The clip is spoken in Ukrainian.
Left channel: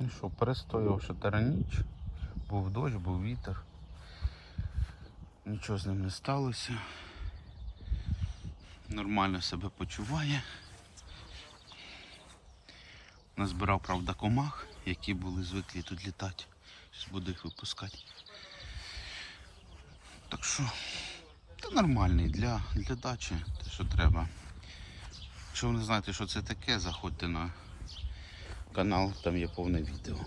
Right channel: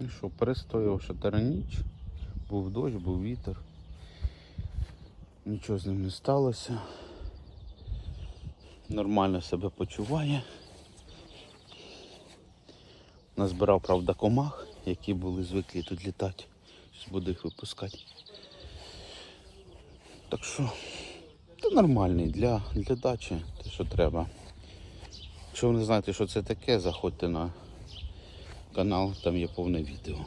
І що, перестояв 4 ніч, був дощ, був вітер. Нічого з ним не сталося. Нормально себе почуває. Назбирав, правда, комах, які були звиклі тут літати. Зараз буду їх випускати. Так що, це нормальний для дачі, те, що треба. Якщо ви не знаєте, що це таке, заходьте на канал, там є повне відео.